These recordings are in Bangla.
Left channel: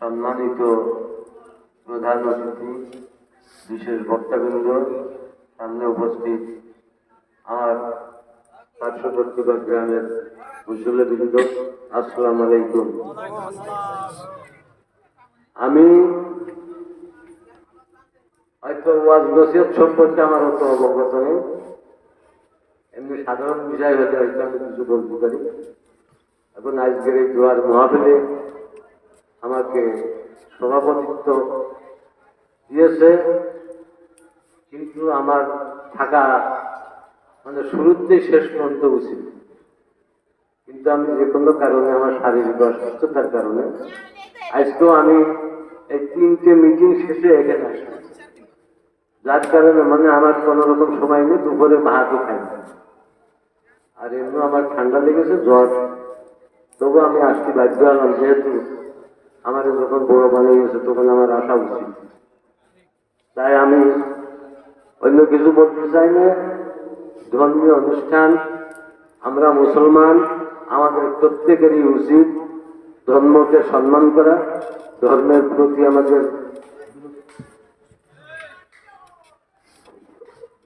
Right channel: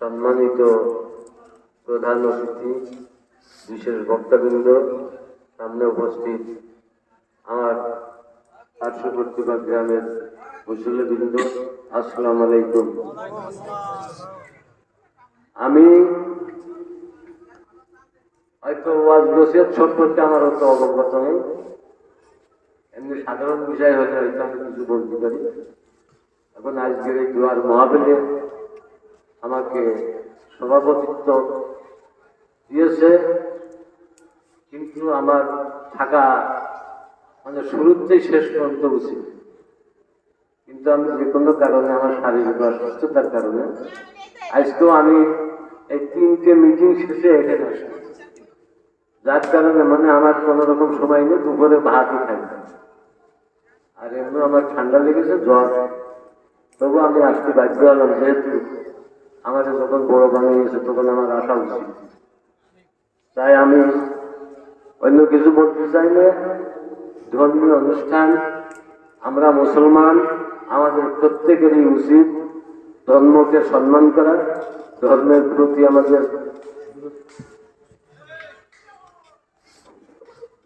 সম্মানিত প্রধান অতিথি, বিশেষ বক্তাবৃন্দ, সামনে উপস্থিত আমার পার্শ্ববর্তী বা গ্রামের মুসলিবৃন্দ আসসালাম আলাইকুম। আমি হয়তো সম্পর্কে আমার অত অবগত নেই এমনি সাধারণ বিষয় হতে হয়তো আমি কিছু বলতে পারি। এখন আজকের এই দোয়ার মহাবীরে আমাকে সভাপতিত্ব দিয়েছে, কিন্তু আমার থাকা মানে শুরুতেই শেষ পর্যন্ত উচিত। কিন্তু আমি যে কোনো কারণে আমার শারীরিক অসুস্থতার কারণে আজকেও আমি এই তিনটে মিটিং শেষে এখানে আসছি যার কারণে মানে আমার কোনো রকম সময় নেই, দুপুরে ভাতই খাই না। আর এমনি আমার ঠান্ডা লেগেছে, জ্বর। তবু আমি আসতে বাধ্য হলাম, যেহেতু আমার যখন বড় বানিয়ে গেছে তখন আমার আসা উচিত। তাই আমি অন্য কিছু বলতে চাই না। ধর্মীয় অনুষ্ঠান, আমরা মুসলমান, আমাদের প্রত্যেকেরই উচিত ধর্মকে সম্মান করা, ধর্মের প্রতি আমাদের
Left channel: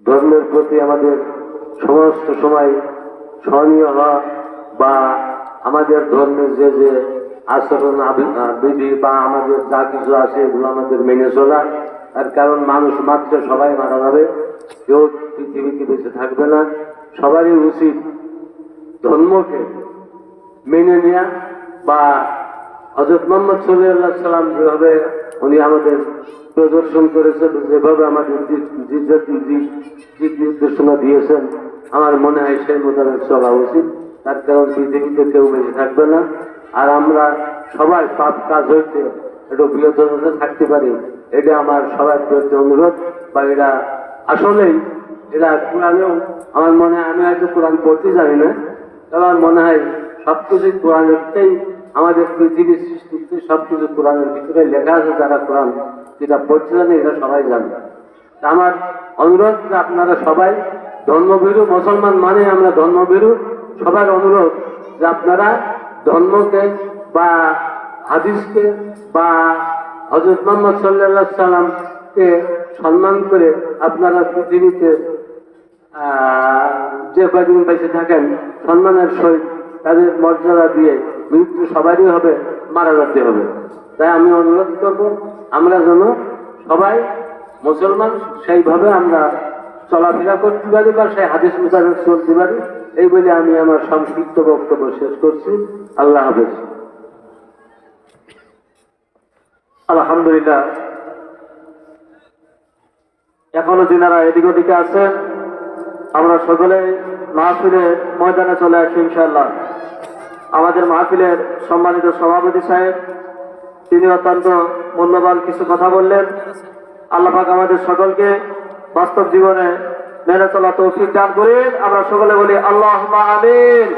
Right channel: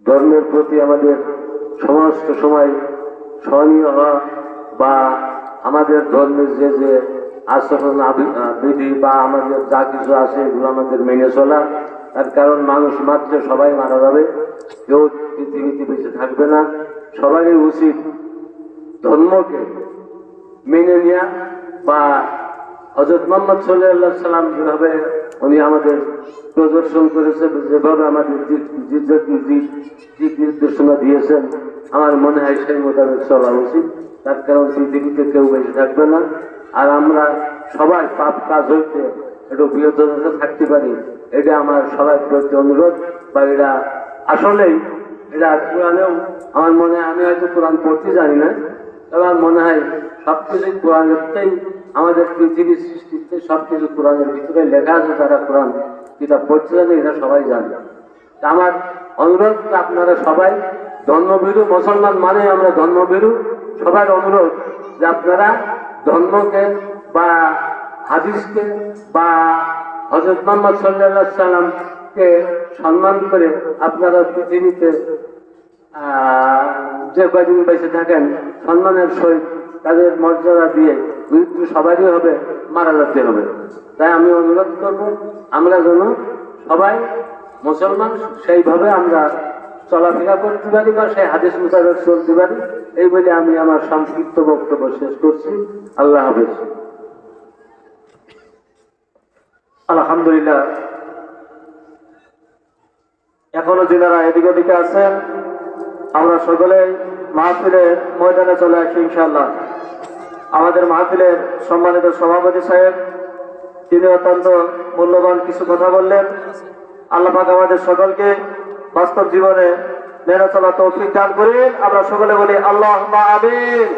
ধর্মের প্রতি আমাদের সমস্ত সময় স্মরণীয় হওয়া বা আমাদের ধর্মের যে যে আচরণ বিধি বা আমাদের যা কিছু আছে এগুলো আমাদের মেনে চলা। তার কারণ মানুষ মাত্র সবাই মারা যাবে, কেউ পৃথিবীতে বেঁচে থাকবে না। সবারই উচিত ধর্মকে মেনে নেয়া বা হজরত মোহাম্মদ সাল্লাহ সাল্লাম যেভাবে উনি আমাদের প্রদর্শন করেছেন, যেভাবে আমাদের দিক নির্দেশনা দিয়েছেন আমার মনে হয় সেই মোতাবেক চলা উচিত। তার কারণ পৃথিবীতে কেউ বেঁচে থাকবে না। আর আমরা সবাই পাপ কাজ হইতে একটু বিরত থাকতে পারি। এটা আমার সবার প্রতি অনুরোধ বা এটা আসলেই এটা কোরআনেও আমার মনে হয়, আমি হয়তো কোরআন পড়তে জানি না, তবে আমার মনে হয় সব সবকিছু কোরআনেরটাই আমাদের পৃথিবীর সৃষ্টিতে সবকিছু কোরআনের ভিতরে লেখা আছে, যারা কোরআন যেটা পড়তে জানে এটা সবাই জানে। আমার অনুরোধ আপনারা সবাই ধর্মভীরু মুসলমান মানে আমরা ধর্মভীরু। সবার অনুরোধ যে আপনারা ধর্মকে বা হাদিসকে বা হজরত মোহাম্মদ সাল্লাহ সাল্লামকে সম্মান করে আপনারা পৃথিবীতে যে কদিন বেঁচে থাকেন, সম্মানের সহিত তাদের মর্যাদা দিয়ে মৃত্যু সবারই হবে, মারা যেতে হবে। তাই আমি অনুরোধ করব, আমরা যেন সবাই মুসলমান, সেইভাবে আমরা চলাফেরা করতে পারি বা সেই হাদিস মোতাবেক চলতে পারি। এই বলে আমি আমার সংক্ষিপ্ত বক্তব্য শেষ করছি। আল্লাহ হাফেজ। আলহামদুলিল্লাহ। এখনও যারা এদিক ওদিকে আছেন আমরা সকলে মাহফিলের ময়দানে চলে আসি ইনশাল্লাহ আমাদের মাহফিলের সম্মানিত সভাপতি সাহেব, তিনি অত্যন্ত মূল্যবান কিছু কথা বললেন। আল্লাহ পাক আমাদের সকলকে বাস্তব জীবনে মেনে চলা তৌফিক দান করেন। আমরা সকলে বলি আল্লাহ আমিন।